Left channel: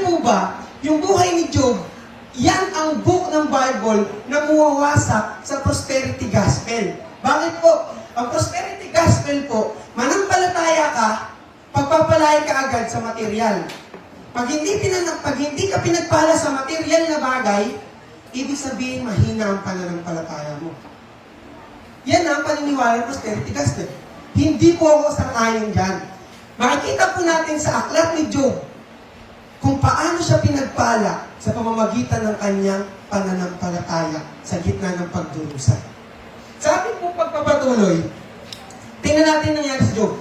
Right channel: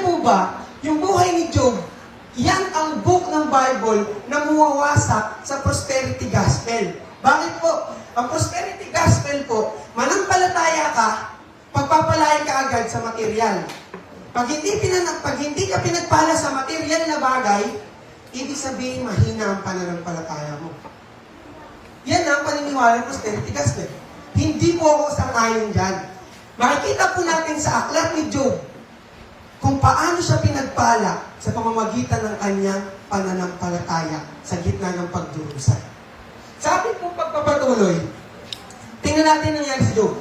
niyo po ba, yung buhay ni Job, yan ang book ng Bible na muwawasak sa prosperity gospel. Bakit po? Ang prosperity gospel po, manampalataya ka, pagpapalain ka agad sa material. Pag hindi ka pinagpala sa material na bagay, ibig sabihin mahina ang pananampalataya mo. Yan ang paniniwala ng prosperity gospel. Hindi po ako sang-ayon dyan. Makikita po natin sa aklat ni Job kung paano siya pinagpala sa pamamagitan ng kanyang pananampalataya sa gitna ng pagdurusa. Sa ating po pagpapatuloy, tingnan natin nangyari sa Job.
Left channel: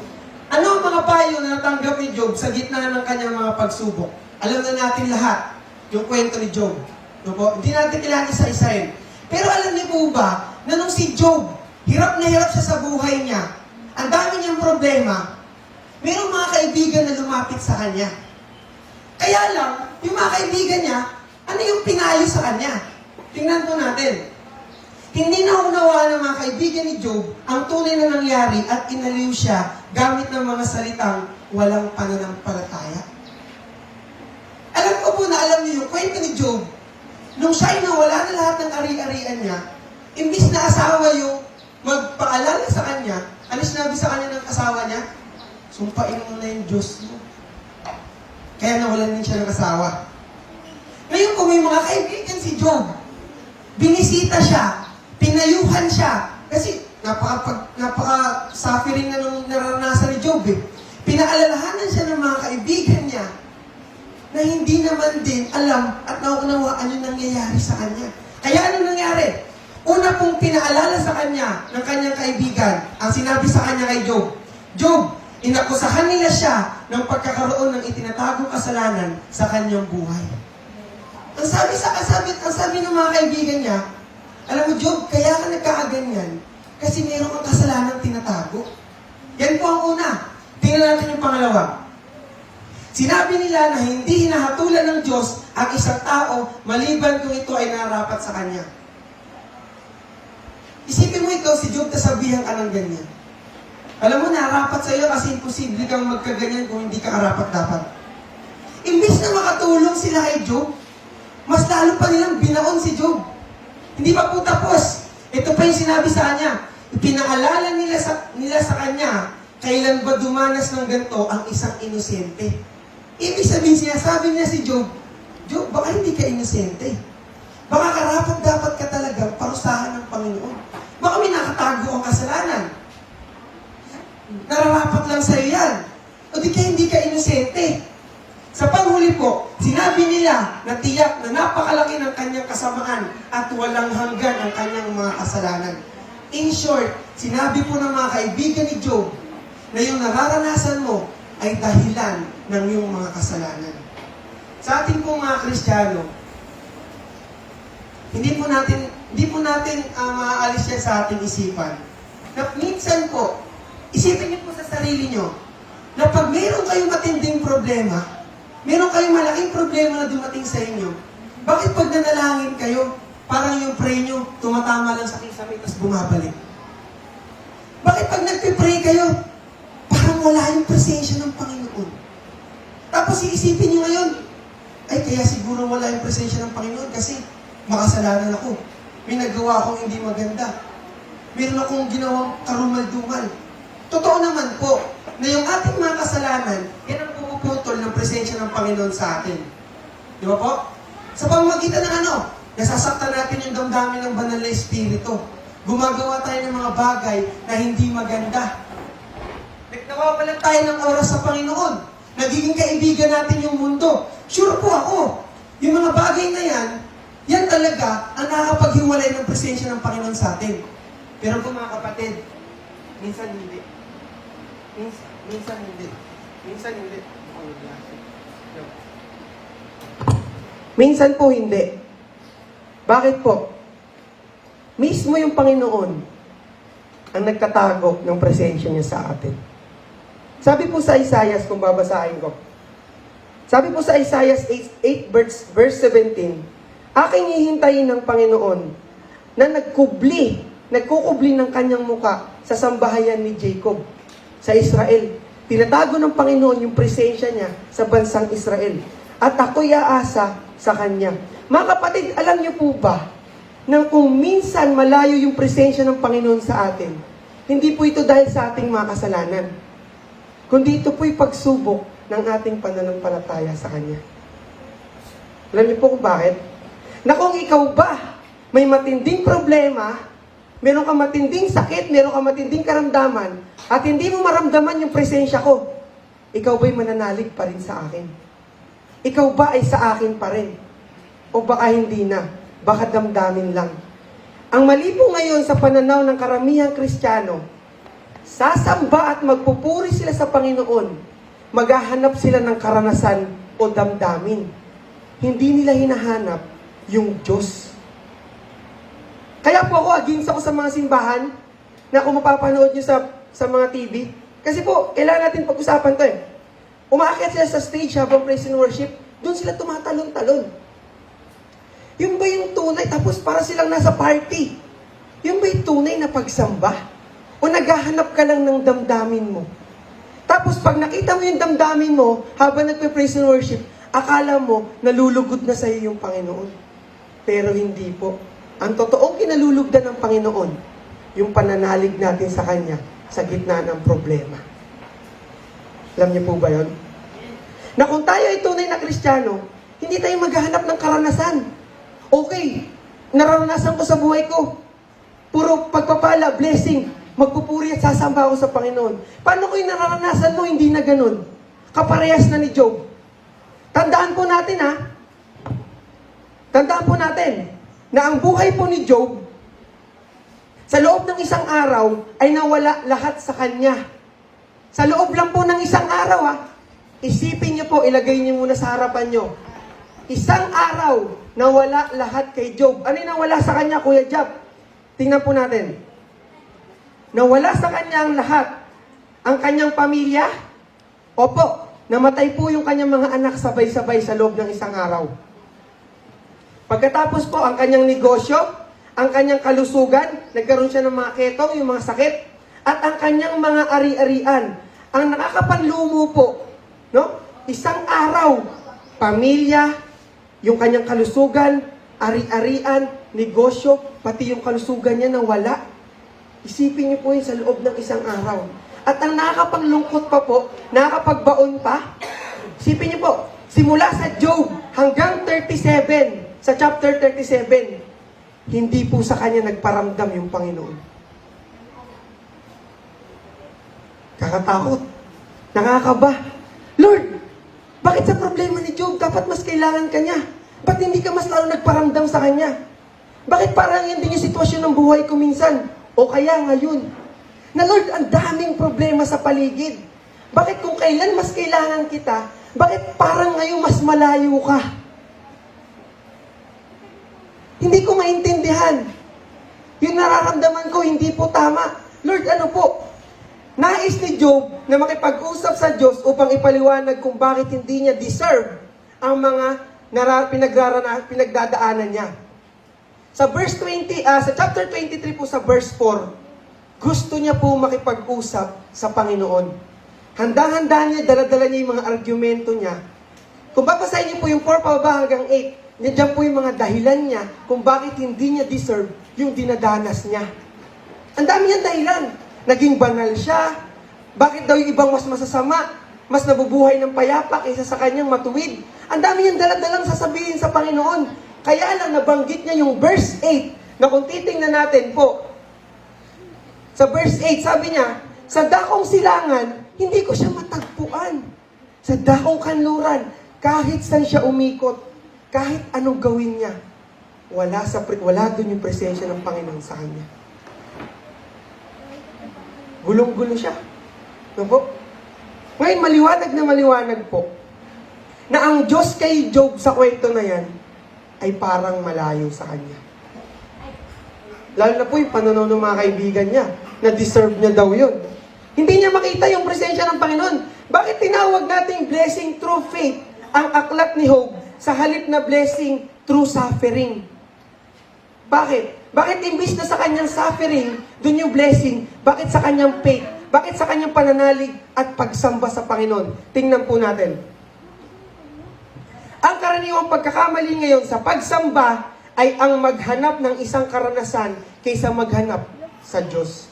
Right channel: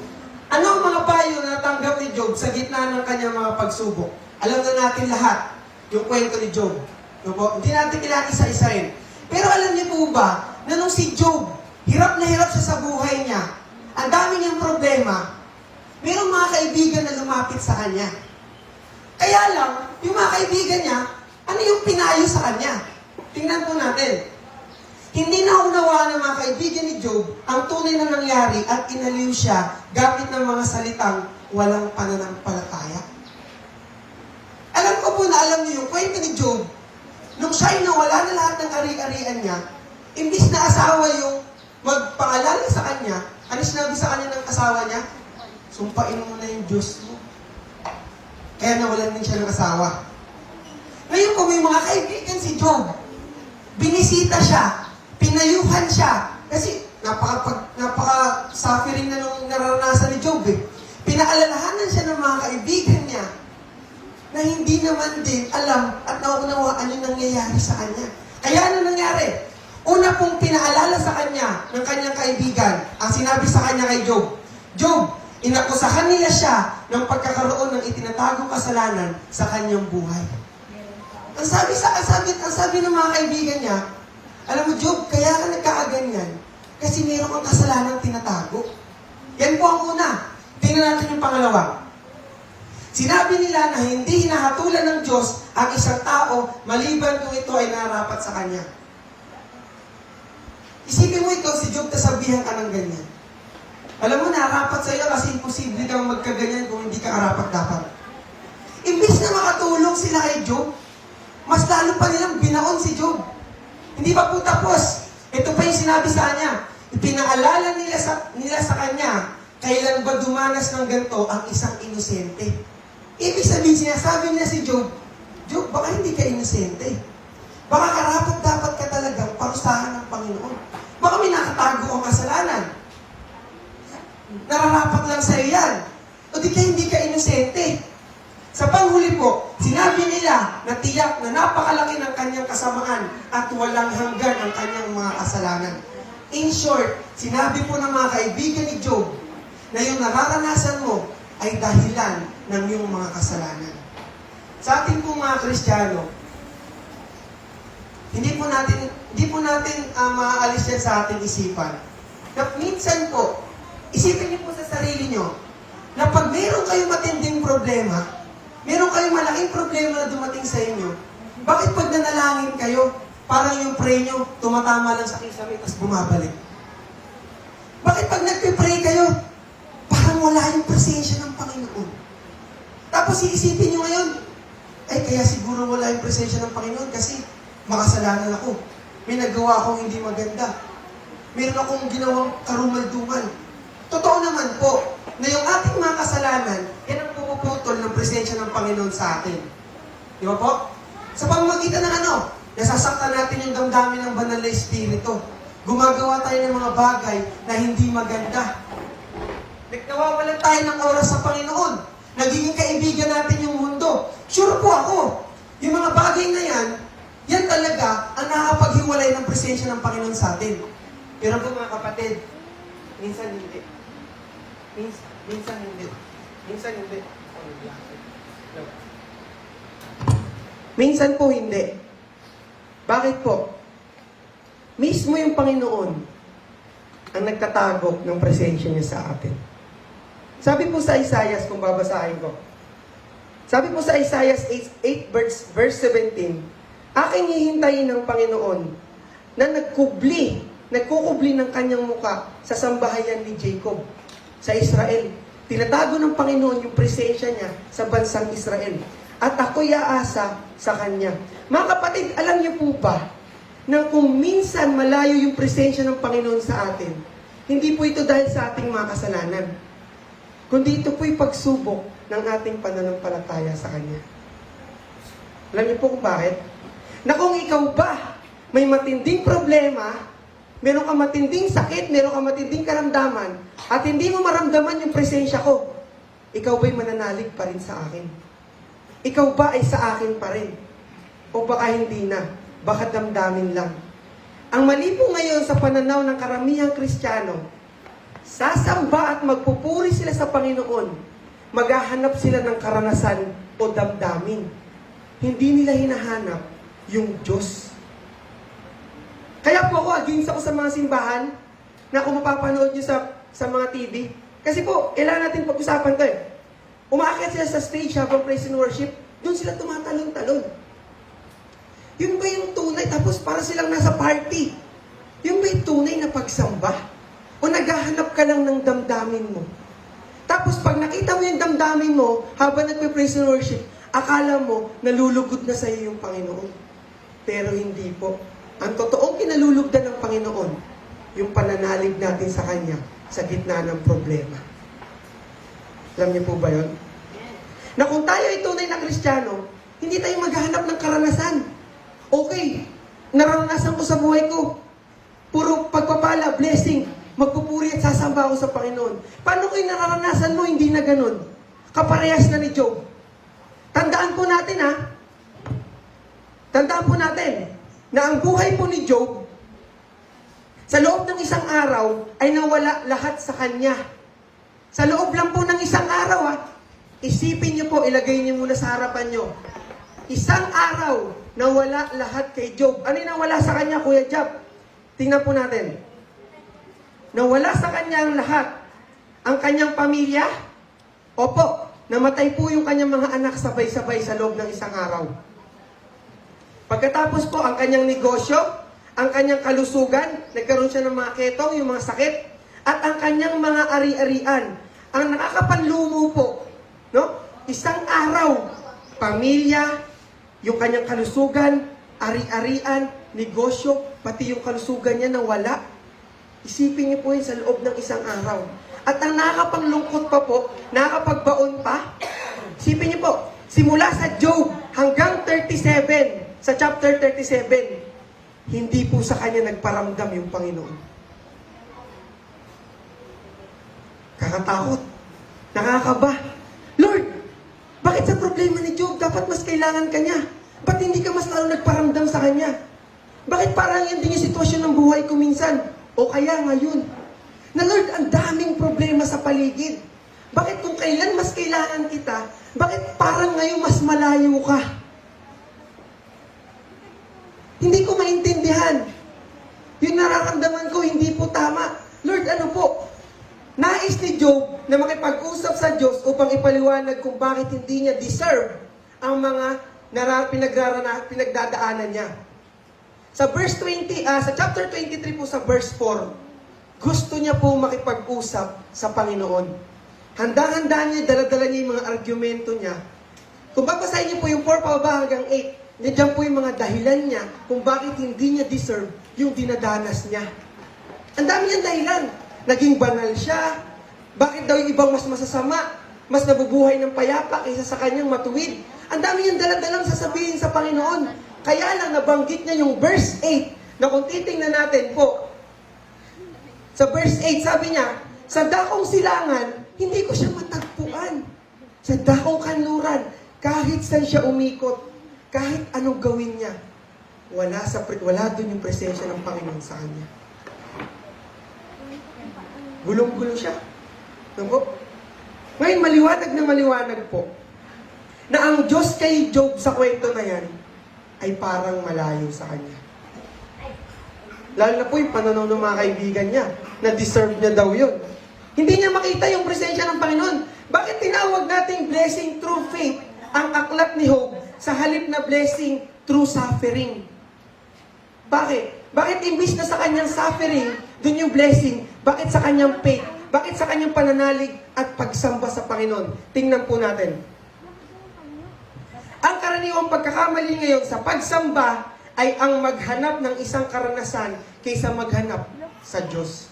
Ano ang mga payo na natanggap ni Job sa gitna ng kanyang mga pagsubok? Alam na natin lahat yung kwento ni Job. No po? Hindi natin kailangan isa-isahin. Pero alam niyo po ba na nung si Job, hirap na hirap siya sa buhay niya, ang dami niyang problema, mayroong mga kaibigan na lumapit sa kanya. Kaya lang, yung mga kaibigan niya, ano yung pinayo sa kanya? Tingnan po natin. Hindi naunawa ng mga kaibigan ni Job ang tunay na nangyari at inaliw siya gamit ng mga salitang walang pananampalataya. Alam ko po na alam niyo yung kwento ni Job, nung siya'y nawala na lahat ng ari-arian niya, imbis na asawa yung magpaalala sa kanya, ano sinabi sa kanya ng asawa niya? Sumpain mo na yung Diyos mo. Kaya nawalan din siya ng asawa. Ngayon kung may mga kaibigan si Job, binisita siya, pinayuhan siya, kasi napaka-suffering na nung naranasan ni Job eh. Pinaalalahanan siya ng mga kaibigan niya na hindi naman din alam at nauunawaan yung nangyayari sa kanya. Kaya ano nangyari? Una pong pinaalala sa kanya ng kanyang kaibigan, ang sinabi sa kanya kay Job, Job, inakusahan nila siya ng pagkakaroon ng itinatagong kasalanan sa kanyang buhay. Ang sabi ng mga kaibigan niya, alam mo Job, kaya ka nagkakaganyan kasi meron kang kasalanang tinatago. Yan po ang una. Tingnan natin yung pangalawa. Sinabi nila na hindi hinahatulan ng Diyos ang isang tao maliban kung ito ay narapat sa kanya. Isipin mo ito, si Job, nasabihan ka ng ganyan. Alam mo, narapat sa iyo kasi imposible kang magkaganyan kung hindi ka karapat-dapat. Imbis na makatulong sila kay Job, mas lalo pa nilang binaon si Job. Hindi pa po tapos. Ito pa yung sinabi sa kanya. Ipinaalala nila sa kanya, kailan ba dumanas ng ganito ang isang inosente? Ibig sabihin, sinasabi niya si Job, Job, baka hindi ka inosente. Baka karapat-dapat ka talagang parusahan ng Panginoon. Baka may nakatago ang kasalanan. Nararapat lang sa iyo yan. O di ka hindi ka inosente. Sa panghuli po, sinabi nila na tiyak na napakalaki ng kanyang kasamaan at walang hanggan ang kanyang mga kasalanan. In short, sinabi po ng mga kaibigan ni Job na yung nararanasan mo ay dahilan ng iyong mga kasalanan. Sa ating pong mga Kristiyano, hindi po natin maaalis yan sa ating isipan. Na minsan po, isipin niyo po sa sarili niyo, na pag meron kayong matinding problema, meron kayong malaking problema na dumating sa inyo, bakit pag nanalangin kayo, parang yung pray nyo, tumatama lang sa kisame, tapos bumabalik? Bakit pag nagpipray kayo, parang wala yung presensya ng Panginoon? Tapos iisipin nyo ngayon, ay kaya siguro wala yung presensya ng Panginoon kasi makasalanan ako. May nagawa akong hindi maganda. Meron akong ginawang karumalduman. Totoo naman po, na yung ating mga kasalanan, yan ang pumuputol ng presensya ng Panginoon sa atin. Di ba po? Sa pamamagitan ng ano? Nasasaktan natin yung damdamin ng banal na espiritu. Gumagawa tayo ng mga bagay na hindi maganda. Nagnawawalan tayo ng oras sa Panginoon. Nagiging kaibigan natin yung mundo. Sure po ako, yung mga bagay na yan talaga ang nakakapaghiwalay ng presensya ng Panginoon sa atin. Pero po mga kapatid, minsan hindi. Minsan hindi. Minsan po hindi. Bakit po? Mismo yung Panginoon ang nagtatago ng presensya niya sa atin. Sabi po sa Isaiah, kung babasahin ko. Sabi po sa Isaiah 8 verse 17, aking hihintayin ng Panginoon na nagkukubli ng kanyang muka sa sambahayan ni Jacob, sa Israel. Tinatago ng Panginoon yung presensya niya sa bansang Israel. at ako'y aasa sa Kanya. Mga kapatid, alam niyo po ba na kung minsan malayo yung presensya ng Panginoon sa atin, hindi po ito dahil sa ating mga kasalanan, kundi ito po'y pagsubok ng ating pananampalataya sa Kanya. Alam niyo po kung bakit? Na kung ikaw ba may matinding problema, meron ka matinding sakit, meron ka matinding karamdaman, at hindi mo maramdaman yung presensya ko, ikaw ba'y mananalig pa rin sa akin? Ikaw ba ay sa akin pa rin? O baka hindi na? Baka damdamin lang? Ang mali po ngayon sa pananaw ng karamihang Kristiyano, sasamba at magpupuri sila sa Panginoon, maghahanap sila ng karanasan o damdamin. Hindi nila hinahanap yung Diyos. Kaya po ako, against ako sa mga simbahan na kung mapapanood nyo sa mga TV. Kasi po, kailangan natin pag-usapan to eh. Umaakyat sila sa stage habang praise and worship, doon sila tumatalon-talon. Yung ba yung tunay? Tapos para silang nasa party. Yung ba yung tunay na pagsamba? O naghahanap ka lang ng damdamin mo? Tapos pag nakita mo yung damdamin mo, habang nagpe-praise and worship, akala mo, nalulugod na sa iyo yung Panginoon. Pero hindi po. Ang totoong kinalulugdan ng Panginoon, yung pananalig natin sa Kanya sa gitna ng problema. Alam niyo po ba yun? Na kung tayo ay tunay na Kristiyano, hindi tayo maghahanap ng karanasan. Okay, naranasan ko sa buhay ko. Puro pagpapala, blessing, magpupuri at sasamba ako sa Panginoon. Paano ko yung naranasan mo, hindi na ganun? Kaparehas na ni Job. Tandaan po natin na ang buhay po ni Job, sa loob ng isang araw, ay nawala lahat sa kanya. Sa loob lang po ng isang araw, isipin niyo po, ilagay niyo muna sa harapan niyo. Isang araw, nawala lahat kay Job. Ano yung nawala sa kanya, Kuya Job? Tingnan po natin. Nawala sa kanya ang lahat. Ang kanyang pamilya? Opo, namatay po yung kanyang mga anak sabay-sabay sa loob ng isang araw. Pagkatapos po, ang kanyang negosyo, ang kanyang kalusugan, nagkaroon siya ng mga ketong, yung mga sakit, at ang kanyang mga ari-arian. Ang nakakapanlumo po, no? Isang araw, pamilya, yung kanyang kalusugan, ari-arian, negosyo, pati yung kalusugan niya nawala. Isipin niyo po yun sa loob ng isang araw. At ang nakakapanglungkot pa po, nakakapagbaon pa, isipin niyo po, simula sa Job hanggang 37, sa chapter 37, hindi po sa kanya nagparamdam yung Panginoon. Kakatakot. Nakakaba. Lord, bakit sa problema ni Job, dapat mas kailangan ka niya? Ba't hindi ka mas lalo nagparamdam sa kanya? Bakit parang yun din yung sitwasyon ng buhay ko minsan? O kaya ngayon? Na Lord, ang daming problema sa paligid. Bakit kung kailan mas kailangan kita, bakit parang ngayon mas malayo ka? Hindi ko maintindihan. Yung nararamdaman ko, hindi po tama. Lord, ano po? Nais ni Job na makipag-usap sa Diyos upang ipaliwanag kung bakit hindi niya deserve ang mga pinagdadaanan niya. Sa verse 20, sa chapter 23 po sa verse 4, gusto niya po makipag-usap sa Panginoon. Handa-handa niya, dala-dala niya yung mga argumento niya. Kung babasahin niyo po yung 4 pababa hanggang 8, nandiyan po yung mga dahilan niya kung bakit hindi niya deserve yung dinadanas niya. Ang dami niyang dahilan. Naging banal siya. Bakit daw yung ibang mas masasama, mas nabubuhay ng payapa kaysa sa kanyang matuwid? Ang dami niyang daladalang sasabihin sa Panginoon. Kaya lang nabanggit niya yung verse 8 na kung titingnan natin po. Sa verse 8, sabi niya, sa dakong silangan, hindi ko siya matagpuan. Sa dakong kanluran, kahit saan siya umikot, kahit anong gawin niya, wala doon yung presensya ng Panginoon sa kanya. Gulong-gulo siya. No po? Ngayon, maliwanag po na ang Diyos kay Job sa kwento na yan ay parang malayo sa kanya. Lalo na po yung pananaw ng mga kaibigan niya na deserve niya daw yun. Hindi niya makita yung presensya ng Panginoon. Bakit tinawag nating blessing through faith ang aklat ni Job sa halip na blessing through suffering? Bakit? Bakit imbis na sa kanyang suffering, dun yung blessing, bakit sa kanyang faith? Bakit sa kanyang pananalig at pagsamba sa Panginoon? Tingnan po natin. karaniwang pagkakamali ngayon sa pagsamba ay ang maghanap ng isang karanasan kaysa maghanap sa Diyos.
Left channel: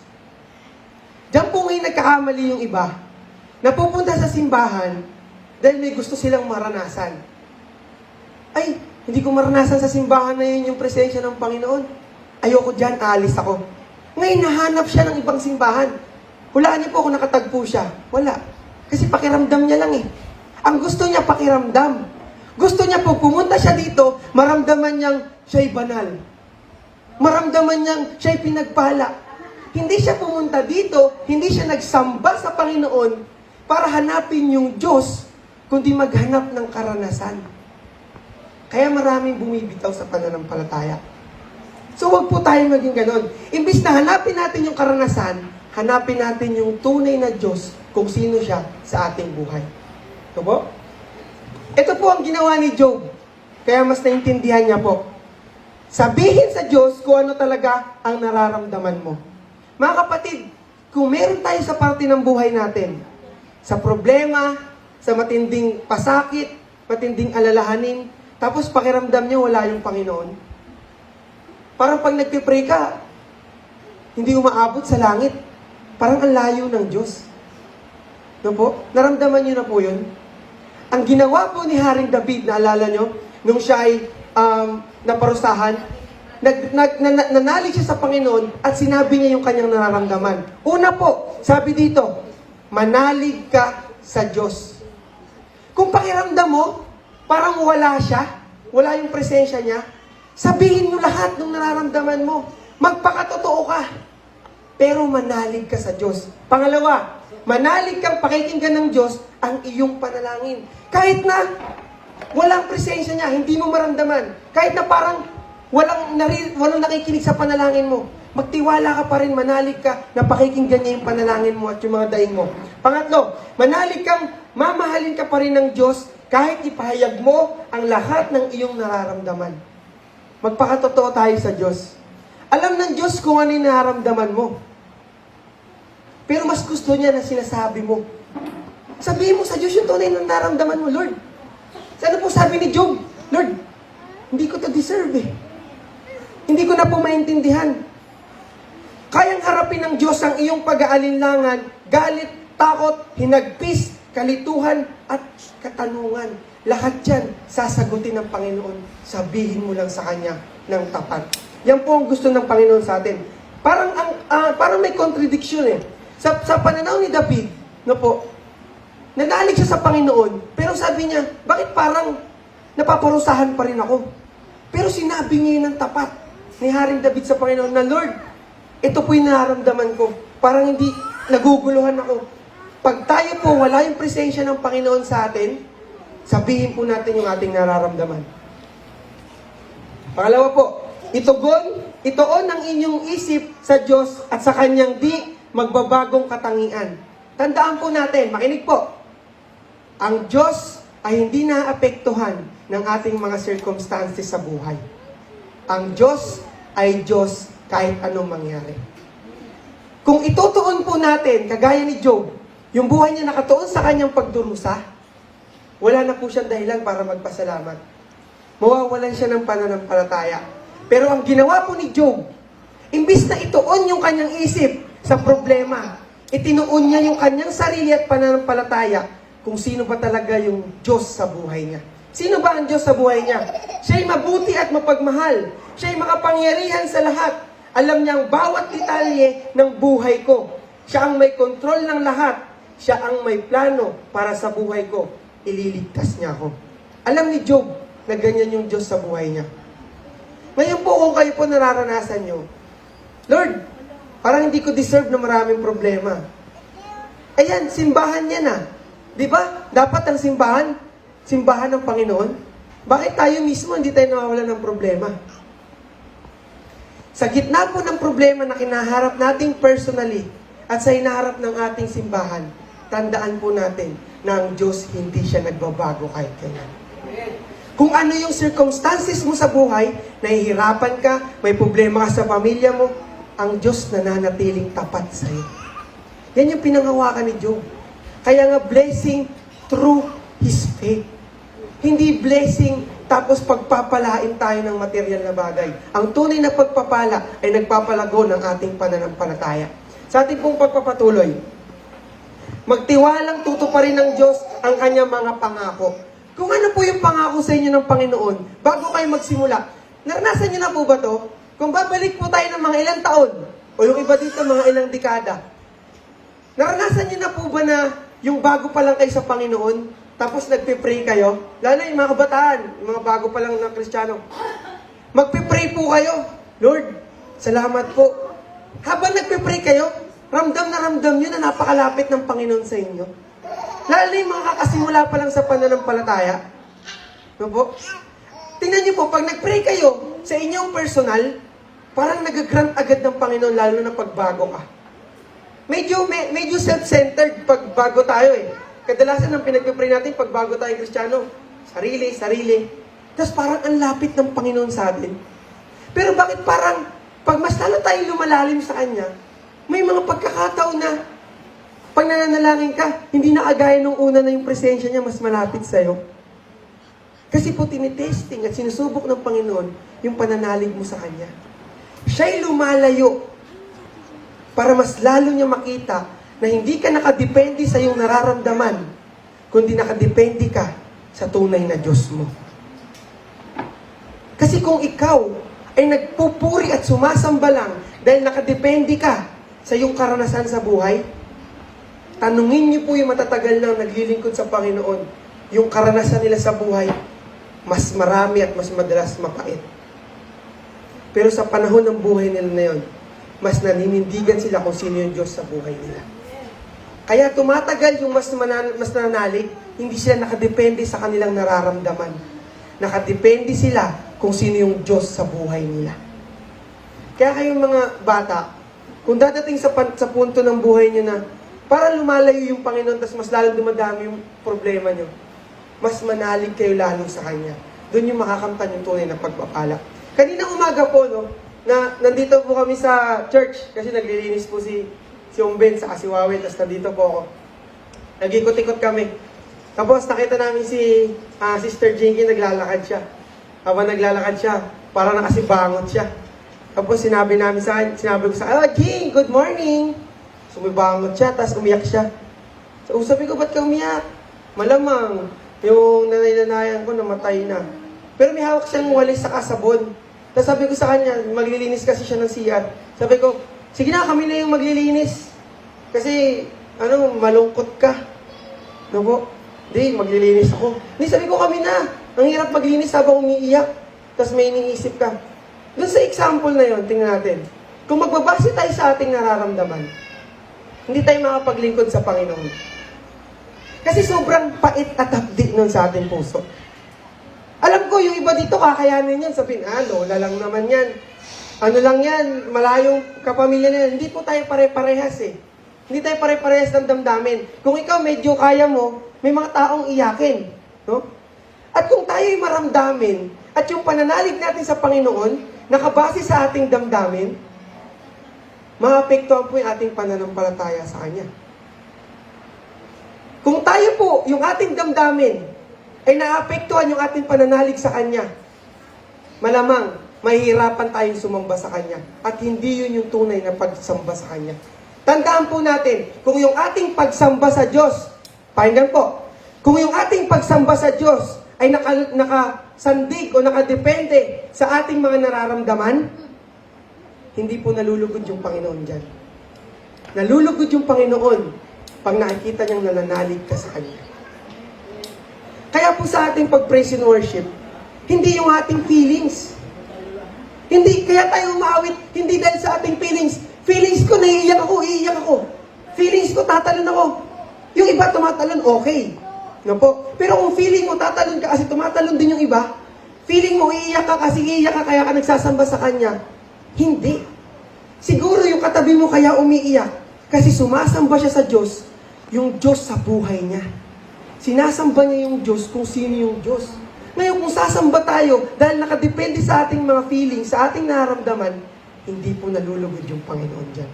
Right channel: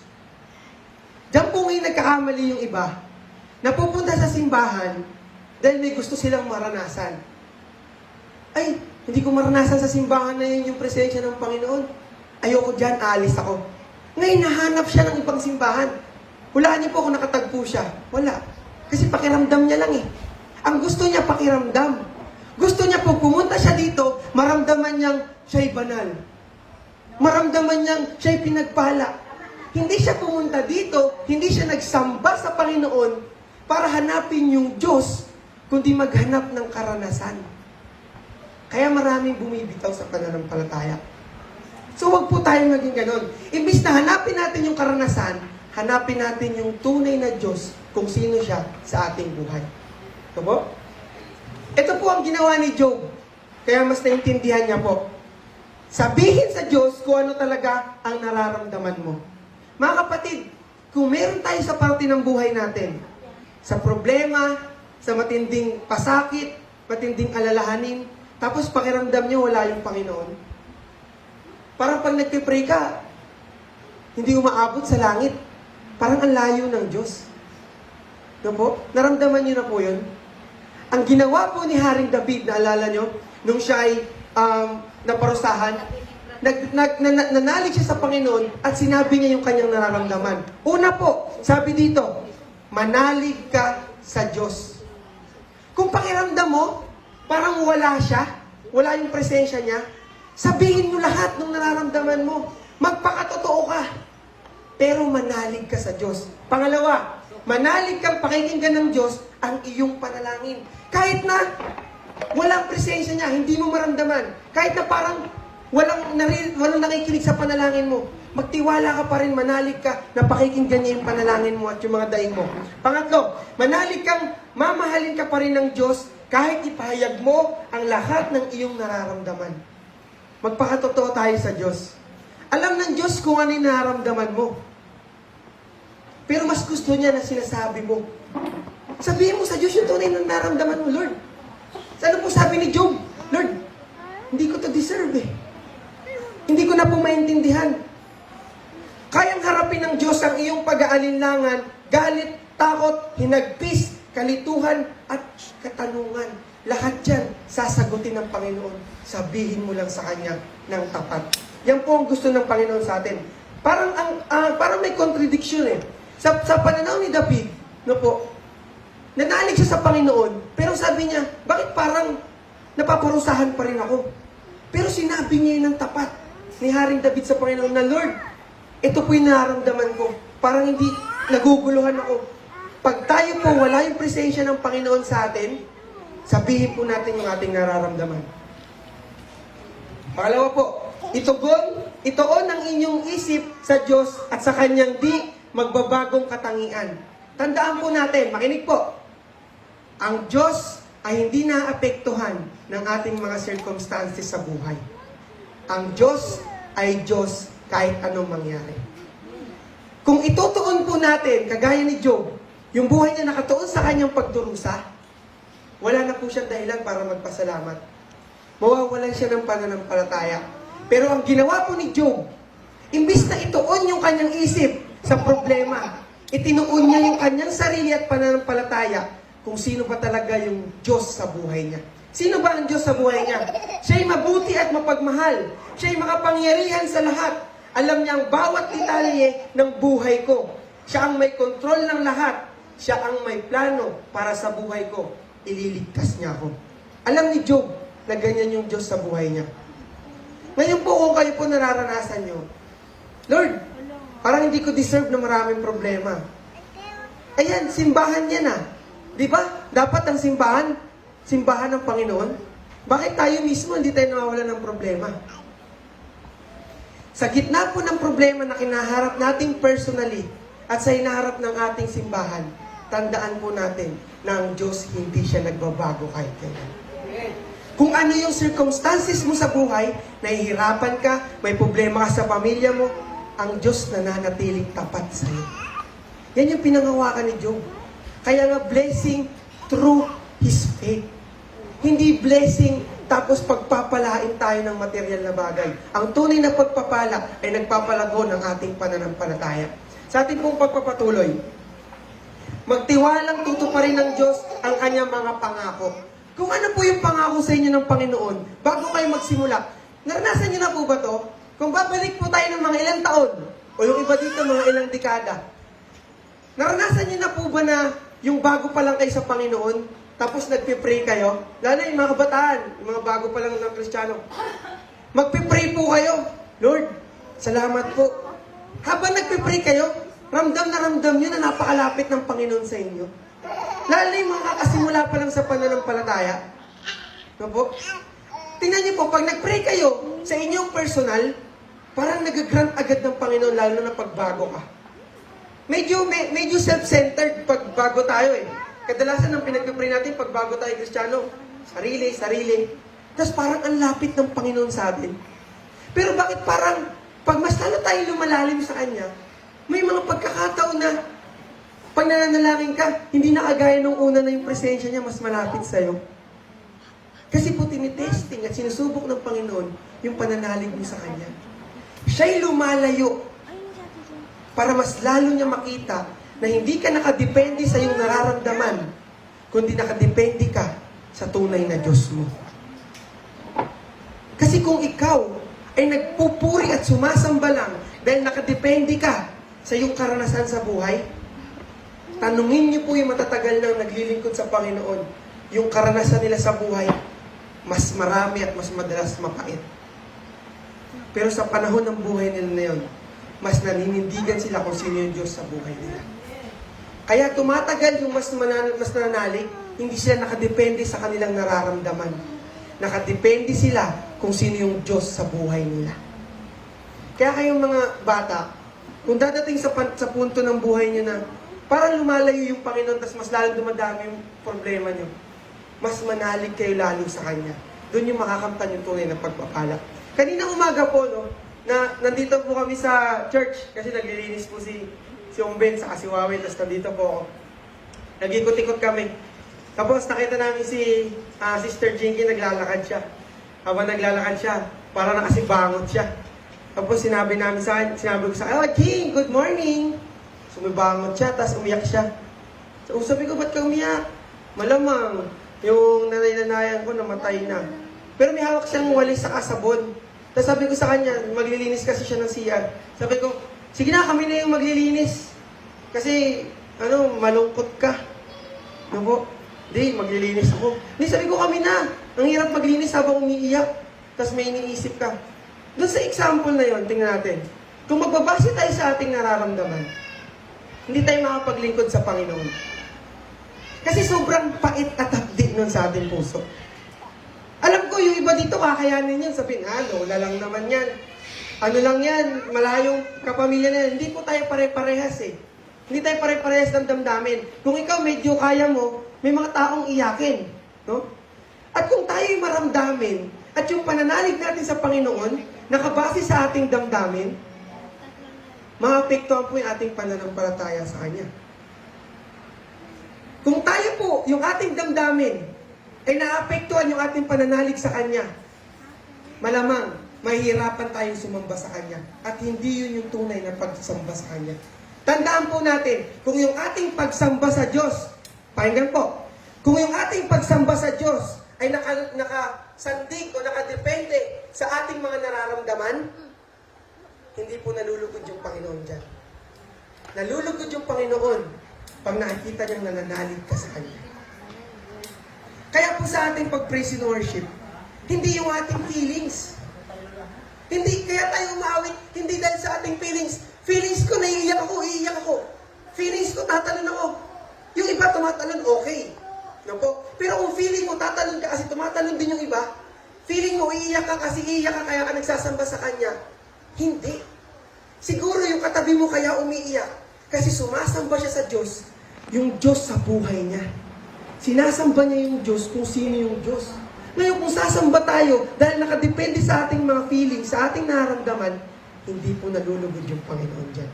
Diyan po ngayon nagkakamali yung iba. Napupunta sa simbahan dahil may gusto silang maranasan. Ay, hindi ko maranasan sa simbahan na yun yung presensya ng Panginoon. Ayoko dyan, aalis ako. Ngayon, nahanap siya ng ibang simbahan. Hulaan niyo po kung nakatagpo siya. Wala. Kasi pakiramdam niya lang eh. Ang gusto niya, pakiramdam. Gusto niya po, pumunta siya dito, maramdaman niyang siya'y banal. Maramdaman niyang siya'y pinagpala. Hindi siya pumunta dito, hindi siya nagsamba sa Panginoon para hanapin yung Diyos, kundi maghanap ng karanasan. Kaya maraming bumibitaw sa pananampalataya. So wag po tayo maging ganon. Imbis na hanapin natin yung karanasan, hanapin natin yung tunay na Diyos kung sino siya sa ating buhay. Ito po? Ito po ang ginawa ni Job. Kaya mas naintindihan niya po. Sabihin sa Diyos kung ano talaga ang nararamdaman mo. Mga kapatid, kung meron tayo sa parte ng buhay natin, sa problema, sa matinding pasakit, matinding alalahanin, tapos pakiramdam niyo wala yung Panginoon. Parang pag nagpipray ka, hindi umaabot sa langit. Parang ang layo ng Diyos. No po? Naramdaman niyo na po yun? Ang ginawa po ni Haring David, naalala niyo, nung siya ay naparusahan, nanalig siya sa Panginoon at sinabi niya yung kanyang nararamdaman. Una po, sabi dito, manalig ka sa Diyos. Kung pakiramdam mo, parang wala siya, wala yung presensya niya, sabihin mo lahat ng nararamdaman mo. Magpakatotoo ka. Pero manalig ka sa Diyos. Pangalawa, manalig kang pakikinggan ng Diyos ang iyong panalangin. Kahit na walang presensya niya, hindi mo maramdaman. Kahit na parang walang nakikinig sa panalangin mo, magtiwala ka pa rin, manalig ka na pakikinggan niya yung panalangin mo at yung mga daing mo. Pangatlo, manalig kang mamahalin ka pa rin ng Diyos kahit ipahayag mo ang lahat ng iyong nararamdaman. Magpakatotoo tayo sa Diyos. Alam ng Diyos kung ano yung nararamdaman mo. Pero mas gusto niya na sinasabi mo. Sabihin mo sa Diyos yung tunay na nararamdaman mo, Lord. Sana po sabi ni Job, Lord, hindi ko to deserve eh. Hindi ko na po maintindihan. Kayang harapin ng Diyos ang iyong pag-aalinlangan, galit, takot, hinagpis, kalituhan, at katanungan. Lahat yan, sasagutin ng Panginoon. Sabihin mo lang sa Kanya ng tapat. Yan po ang gusto ng Panginoon sa atin. Parang may contradiction eh. Sa pananaw ni David, no po, nanalig siya sa Panginoon, pero sabi niya, bakit parang napaparusahan pa rin ako? Pero sinabi niya yun ng tapat ni Haring David sa Panginoon na, Lord, ito po yung nararamdaman ko. Parang hindi naguguluhan ako. Pag tayo po wala yung presensya ng Panginoon sa atin, sabihin po natin yung ating nararamdaman. Pangalawa po, itoon ang inyong isip sa Diyos at sa Kanyang di magbabagong katangian. Tandaan po natin, makinig po, ang Diyos ay hindi naapektuhan ng ating mga circumstances sa buhay. Ang Diyos ay Diyos kahit anong mangyari. Kung itutuon po natin, kagaya ni Job, yung buhay niya nakatuon sa kanyang pagdurusa, wala na po siyang dahilan para magpasalamat. Mawawalan siya ng pananampalataya. Pero ang ginawa po ni Job, imbis na ituon yung kanyang isip sa problema, itinuon niya yung kanyang sarili at pananampalataya kung sino ba talaga yung Diyos sa buhay niya. Sino ba ang Diyos sa buhay niya? Siya'y mabuti at mapagmahal. Siya'y makapangyarihan sa lahat. Alam niya ang bawat detalye ng buhay ko. Siya ang may kontrol ng lahat. Siya ang may plano para sa buhay ko. Ililigtas niya ako. Alam ni Job na ganyan yung Diyos sa buhay niya. Ngayon po kung kayo po nararanasan niyo, Lord, parang hindi ko deserve na maraming problema. Ayan, simbahan niya na. Di ba? Dapat ang simbahan ng Panginoon. Bakit tayo mismo hindi tayo nawawalan ng problema? Sa gitna po ng problema na kinaharap nating personally at sa hinaharap ng ating simbahan, tandaan po natin na ang Diyos hindi siya nagbabago kahit kailan. Kung ano yung circumstances mo sa buhay, nahihirapan ka, may problema ka sa pamilya mo, ang Diyos nananatiling tapat sa iyo. Yan yung pinangawakan ni Job. Kaya nga blessing through his faith. Hindi blessing tapos pagpapalain tayo ng material na bagay. Ang tunay na pagpapala ay nagpapalago ng ating pananampalataya. Sa ating pong pagpapatuloy, magtiwalang tutuparin ng Diyos ang kanyang mga pangako. Kung ano po yung pangako sa inyo ng Panginoon, bago kayo magsimula, naranasan niyo na po ba to? Kung babalik po tayo ng mga ilang taon, o yung iba dito mga ilang dekada, naranasan niyo na po ba na yung bago pa lang kayo sa Panginoon, tapos nagpe-pray kayo? Lalo yung mga kabataan, yung mga bago pa lang ng Kristiyano. Magpe-pray po kayo. Lord, salamat po. Habang nagpe-pray kayo, ramdam nyo na napakalapit ng Panginoon sa inyo. Lalo yung mga kakasimula pa lang sa pananampalataya. No po? Tingnan niyo po, pag nag-pray kayo sa inyong personal, parang nag-grant agad ng Panginoon lalo na pagbago ka. Medyo self-centered pag bago tayo eh. Kadalasan ang pinag-pray natin pag bago tayo Kristiyano, sarili. Tapos parang ang lapit ng Panginoon sa atin. Pero bakit parang pag mas lalo tayo lumalalim sa Kanya, may mga pagkakataon na pag nananalangin ka, hindi na kagaya nung una na yung presensya niya mas malapit sa'yo. Kasi po tinitesting at sinusubok ng Panginoon yung pananalig mo sa Kanya. Siya'y lumalayo para mas lalo niya makita na hindi ka nakadepende sa iyong nararamdaman, kundi nakadepende ka sa tunay na Diyos mo. Kasi kung ikaw ay nagpupuri at sumasamba lang dahil nakadepende ka sa iyong karanasan sa buhay, tanungin niyo po yung matatagal na naglilingkod sa Panginoon, yung karanasan nila sa buhay, mas marami at mas madalas mapait. Pero sa panahon ng buhay nila na yun, mas naninindigan sila kung sino yung Diyos sa buhay nila. Kaya tumatagal yung mas nananalig, hindi sila nakadepende sa kanilang nararamdaman. Nakadepende sila kung sino yung Diyos sa buhay nila. Kaya kayong mga bata, kung dadating sa punto ng buhay nyo na parang lumalayo yung Panginoon, tapos mas lalong dumadami yung problema nyo, mas manalig kayo lalo sa Kanya. Doon yung makakamtan yung tunay na pagpapala. Kanina umaga po, no, na nandito po kami sa church, kasi naglilinis po si Ong Ben sa Kasiwawi, tapos nandito po ako. Nag-ikot-ikot kami. Tapos nakita namin si Sister Jinky, naglalakad siya. Habang naglalakad siya, parang nakasibangot siya. Tapos sinabi ko sa Jing, good morning! Sumibangot siya, tapos umiyak siya. So sabi ko, ba't ka umiyak? Malamang, yung nanay-lanayan ko namatay na. Pero may hawak siyang walis sa sabon. Tapos sabi ko sa kanya, maglilinis kasi siya ng CR. Sabi ko, sige na, kami na yung maglilinis. Kasi, malungkot ka. No po? Hindi, maglilinis ako. Hindi, sabi ko kami na. Ang hirap maglinis habang umiiyak. Tapos may iniisip ka. Doon sa example na yun, tingnan natin. Kung magbabase tayo sa ating nararamdaman, hindi tayo makapaglingkod sa Panginoon. Kasi sobrang pait at hapdi nun sa ating puso. Alam ko, yung iba dito, kakayanin yan. Sabihin, lola lang naman yan. Ano lang yan, malayong kapamilya na yan. Hindi po tayo pare-parehas eh. Hindi tayo pare-parehas ng damdamin. Kung ikaw medyo kaya mo, may mga taong iyakin. No? At kung tayo'y maramdamin, at yung pananalig natin sa Panginoon, nakabase sa ating damdamin, maapektuhan po yung ating pananampalataya sa Kanya. Kung tayo po, yung ating damdamin, ay naapektuhan yung ating pananalig sa Kanya, malamang, mahihirapan tayong sumamba sa Kanya. At hindi yun yung tunay na pagsamba sa Kanya. Tandaan po natin, kung yung ating pagsamba sa Diyos, pakinggan po, kung yung ating pagsamba sa Diyos ay nakasandig o nakadepende sa ating mga nararamdaman, hindi po nalulugod yung Panginoon dyan. Nalulugod yung Panginoon pag nakikita niyang nananalig ka sa Kanya. Kaya po sa ating pag-praise and worship, hindi yung ating feelings. Hindi, kaya tayo umaawit, hindi dahil sa ating feelings. Feelings ko, naiiyak ako. Feelings ko, tatalon ako. Yung iba tumatalon, okay. No po? Pero kung feeling mo, tatalon ka kasi tumatalon din yung iba, feeling mo, iiyak ka kasi iiyak ka kaya ka nagsasamba sa Kanya. Hindi. Siguro yung katabi mo kaya umiiyak kasi sumasamba siya sa Diyos, yung Diyos sa buhay niya. Sinasamba niya yung Diyos kung sino yung Diyos. Ngayon, kung sasamba tayo, dahil nakadepende sa ating mga feelings, sa ating nararamdaman, hindi po nalulugod yung Panginoon dyan.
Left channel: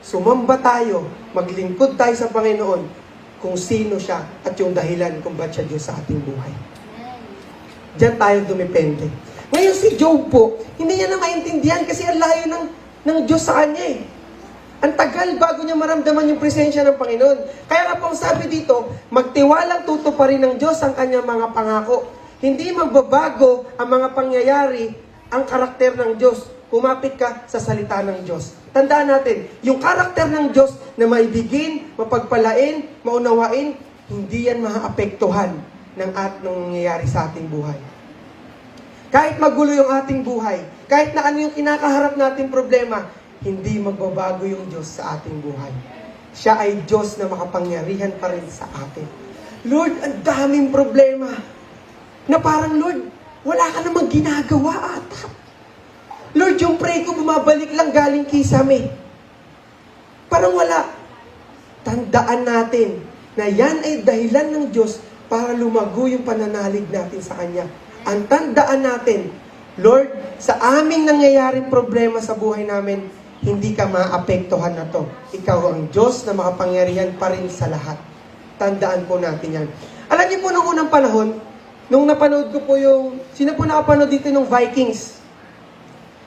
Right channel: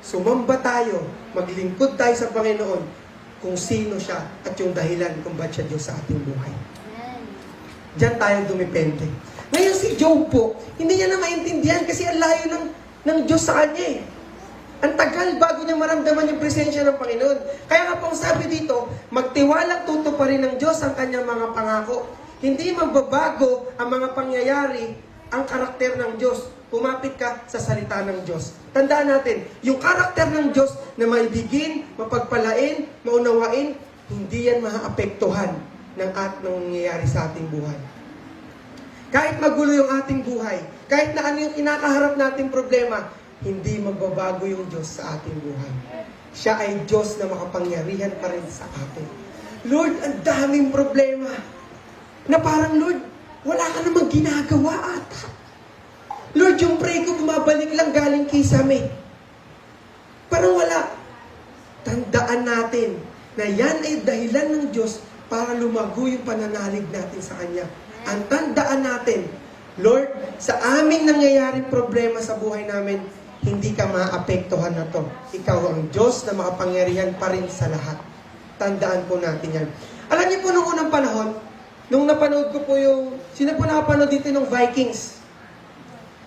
Sumamba tayo, maglingkod tayo sa Panginoon, kung sino siya at yung dahilan kung ba't siya Diyos sa ating buhay. Diyan tayo dumepende. Ngayon si Job po, hindi niya na maintindihan kasi ang layo ng Diyos sa kanya eh. Ang tagal bago niya maramdaman yung presensya ng Panginoon. Kaya nga pong sabi dito, magtiwalang tutuparin ng Diyos ang kanyang mga pangako. Hindi magbabago ang mga pangyayari, ang karakter ng Diyos. Kumapit ka sa salita ng Diyos. Tandaan natin, yung karakter ng Diyos na maibigin, mapagpalain, maunawain, hindi yan maaapektuhan ng nangyayari sa ating buhay. Kahit magulo yung ating buhay, kahit na ano yung kinakaharap nating problema, hindi magbabago yung Diyos sa ating buhay. Siya ay Diyos na makapangyarihan pa rin sa atin. Lord, ang daming problema. Na parang, Lord, wala ka namang ginagawa ata. Lord, yung pray ko bumabalik lang galing kisame. Parang wala. Tandaan natin na yan ay dahilan ng Diyos para lumago yung pananalig natin sa Kanya. Ang tandaan natin, Lord, sa aming nangyayaring problema sa buhay namin, hindi ka maapektuhan na to. Ikaw ang Diyos na makapangyarihan pa rin sa lahat. Tandaan po natin yan. Alam niyo po nung unang panahon, nung napanood ko po yung, sino po nakapanood dito ng Vikings?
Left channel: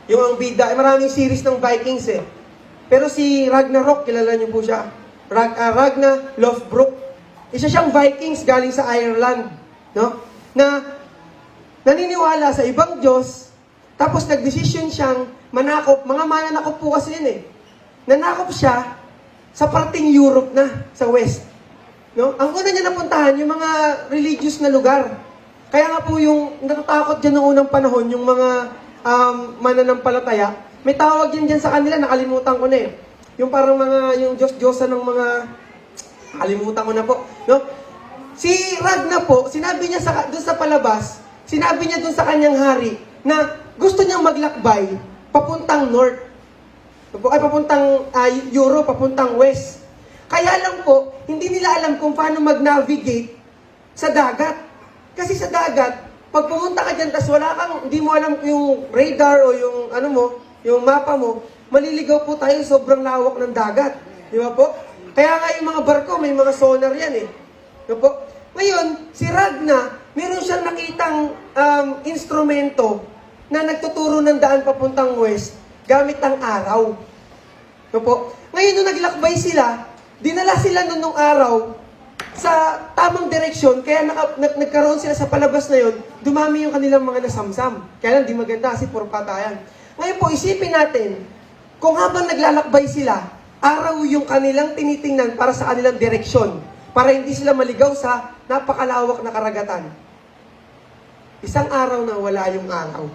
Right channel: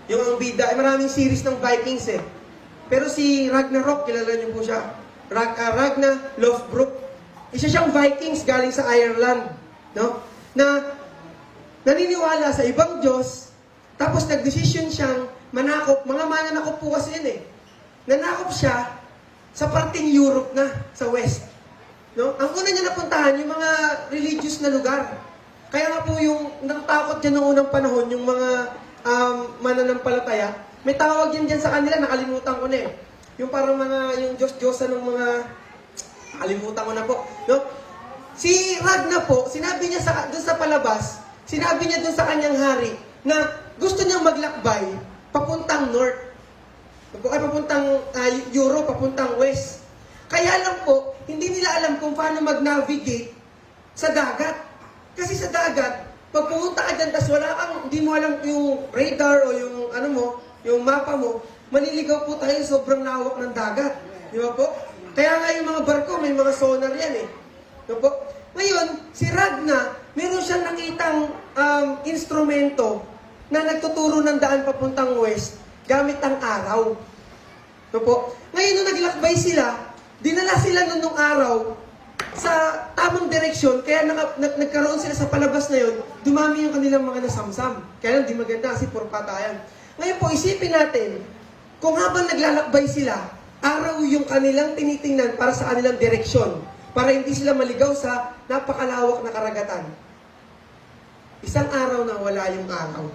Yung ang bida, maraming series ng Vikings eh. Pero si Ragnarok, kilala niyo po siya. Ragnar Lothbrok. Isa siyang Vikings galing sa Ireland. No? Na naniniwala sa ibang Diyos, tapos nagdesisyon siyang manakop. Mga mananakop po kasi yun eh. Nanakop siya sa parting Europe na, sa West. No? Ang una niya napuntahan, yung mga religious na lugar. Kaya nga po yung natatakot dyan noong unang panahon, yung mga mananampalataya, may tawag yan dyan sa kanila, nakalimutan ko na eh. Yung parang mga, yung Diyos-Diyosa ng mga, nakalimutan ko na po. No? Si Ragnar po, sinabi niya dun sa palabas, sinabi niya dun sa kanyang hari, na gusto niyang maglakbay, papuntang north. Ay, papuntang Europe, papuntang west. Kaya lang po, hindi nila alam kung paano mag-navigate sa dagat. Kasi sa dagat, pag pumunta ka dyan, tas wala kang, hindi mo alam yung radar o yung ano mo, yung mapa mo, maliligaw po tayo sobrang lawak ng dagat. Di ba po? Kaya nga yung mga barko, may mga sonar yan eh. Di ba po? Ngayon, si Ragnar, meron siyang nakitang instrumento na nagtuturo ng daan papuntang west gamit ang araw. No po? Ngayon, nung naglakbay sila, dinala sila nung araw sa tamang direksyon, kaya nagkaroon sila sa palabas na yun, dumami yung kanilang mga nasamsam. Kaya lang, di maganda kasi puro patayan. Ngayon po, isipin natin, kung habang naglalakbay sila, araw yung kanilang tinitingnan para sa kanilang direksyon, para hindi sila maligaw sa napakalawak na karagatan. Isang araw na wala yung araw.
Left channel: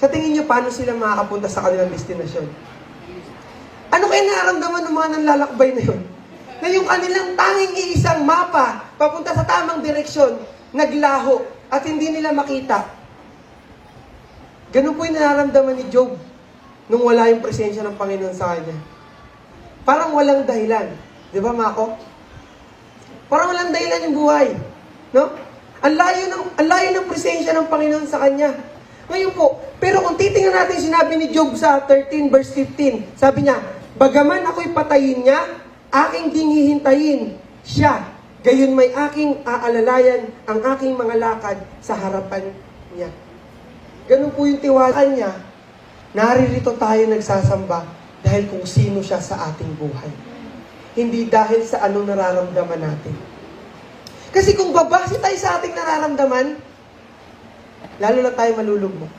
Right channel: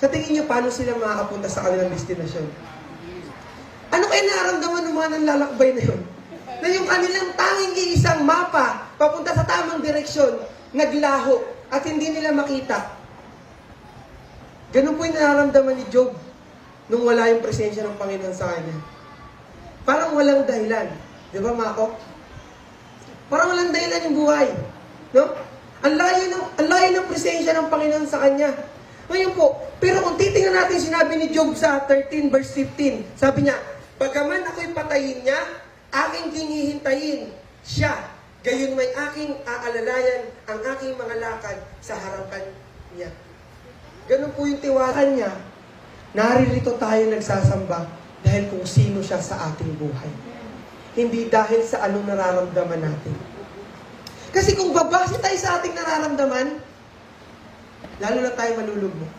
Sa tingin niyo, paano sila makakapunta sa kanilang destinasyon? Ano kayo nararamdaman ng mga nanlalakbay na yun? Na yung kanilang tanging isang mapa, papunta sa tamang direksyon, naglaho, at hindi nila makita. Ganun po yung nararamdaman ni Job nung wala yung presensya ng Panginoon sa kanya. Parang walang dahilan. Di ba, Mako? Parang walang dahilan yung buhay. No? Ang layo ng presensya ng Panginoon sa kanya. Ngayon po, pero kung titingnan natin sinabi ni Job sa 13 verse 15, sabi niya, bagaman ako'y patayin niya, aking dinghihintayin siya, gayon may aking aalalayan ang aking mga lakad sa harapan niya. Ganun po yung tiwala niya, naririto tayo nagsasamba dahil kung sino siya sa ating buhay. Hindi dahil sa ano nararamdaman natin. Kasi kung babase tayo sa ating nararamdaman, lalo na tayo malulugmok.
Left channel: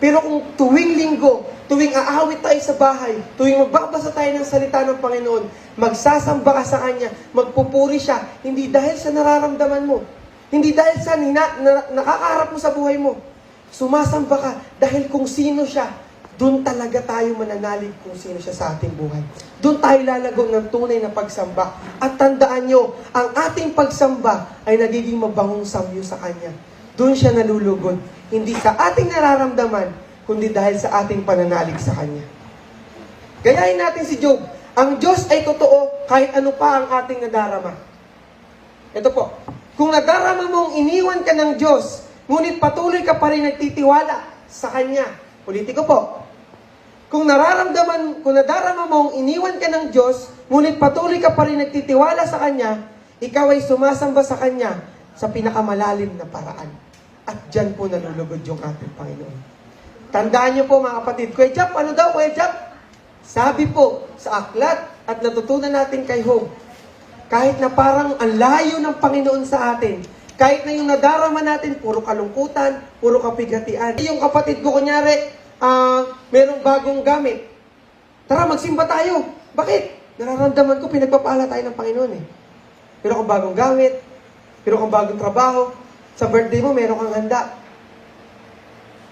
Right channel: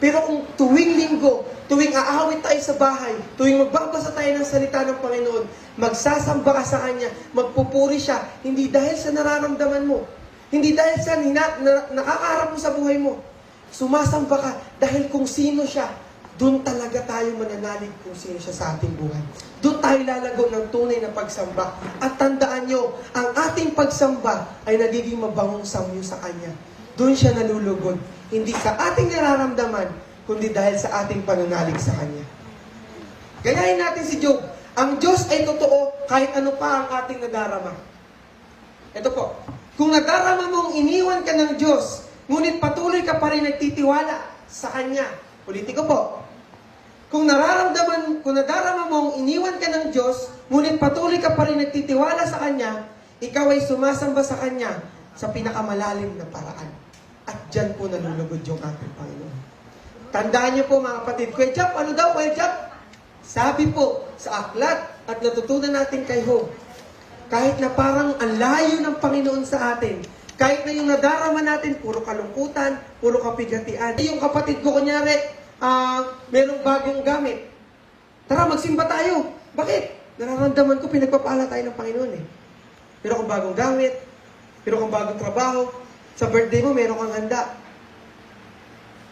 Pero kung tuwing linggo, tuwing aawit tayo sa bahay, tuwing magbabasa tayo ng salita ng Panginoon, magsasamba ka sa Kanya, magpupuri siya, hindi dahil sa nararamdaman mo, hindi dahil sa nakakaharap mo sa buhay mo, sumasamba ka dahil kung sino siya, doon talaga tayo mananalig kung sino siya sa ating buhay. Doon tayo lalagaw ng tunay na pagsamba. At tandaan nyo, ang ating pagsamba ay nagiging mabangong samyo sa Kanya. Doon siya nalulugod. Hindi sa ating nararamdaman, kundi dahil sa ating pananalig sa Kanya. Gayahin natin si Job. Ang Diyos ay totoo kahit ano pa ang ating nadarama. Ito po. Kung nadarama mong iniwan ka ng Diyos, ngunit patuloy ka pa rin nagtitiwala sa Kanya. Ulitin ko po. Kung nadarama mong iniwan ka ng Diyos, ngunit patuloy ka pa rin nagtitiwala sa Kanya, ikaw ay sumasamba sa Kanya, sa pinakamalalim na paraan. At dyan po nalulugod yung ating Panginoon. Tandaan niyo po mga kapatid, Kuya Jap, ano daw Kuya Jap? Sabi po sa aklat at natutunan natin kay Job, kahit na parang ang layo ng Panginoon sa atin, kahit na yung nadarama natin, puro kalungkutan, puro kapighatian. Yung kapatid ko, kunyari, merong bagong gamit. Tara, magsimba tayo. Bakit? Nararamdaman ko, pinagpapala tayo ng Panginoon eh. Meron kang bagong gamit, meron kang bagong trabaho, sa birthday mo, meron kang handa.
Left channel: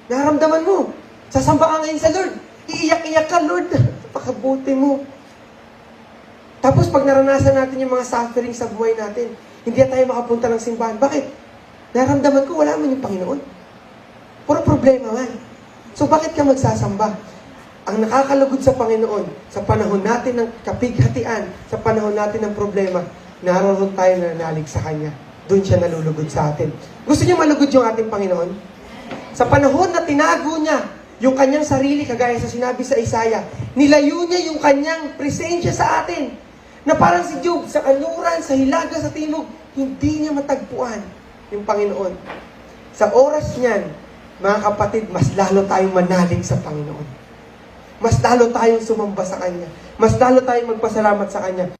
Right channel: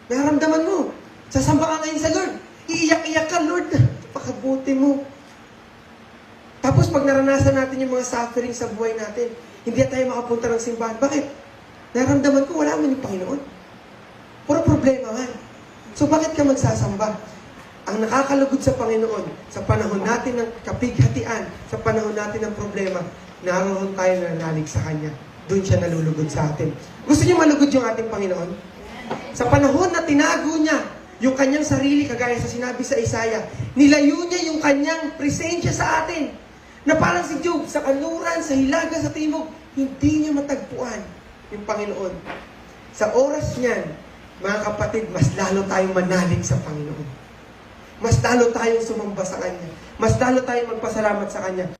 Nararamdaman mo, sasamba ka ngayon sa Lord. Iiyak-iyak ka, Lord. Pakabuti mo. Tapos pag naranasan natin yung mga suffering sa buhay natin, hindi tayo makapunta ng simbahan. Bakit? Nararamdaman ko, wala man yung Panginoon. Puro problema man. So bakit ka magsasamba? Ang nakakalugod sa Panginoon, sa panahon natin ng kapighatian, sa panahon natin ng problema, naroon tayo nanalig sa Kanya. Doon siya nalulugod sa atin. Gusto niyo malugod yung ating Panginoon? Sa panahon na tinago niya yung kanyang sarili, kagaya sa sinabi sa Isaiah, nilayo niya yung kanyang presensya sa atin. Na parang si Job, sa kanluran, sa hilaga, sa timog, hindi niya matagpuan yung Panginoon. Sa oras niyan, mga kapatid, mas lalo tayong manalig sa Panginoon. Mas lalo tayong sumamba sa Kanya. Mas lalo tayong magpasalamat sa Kanya.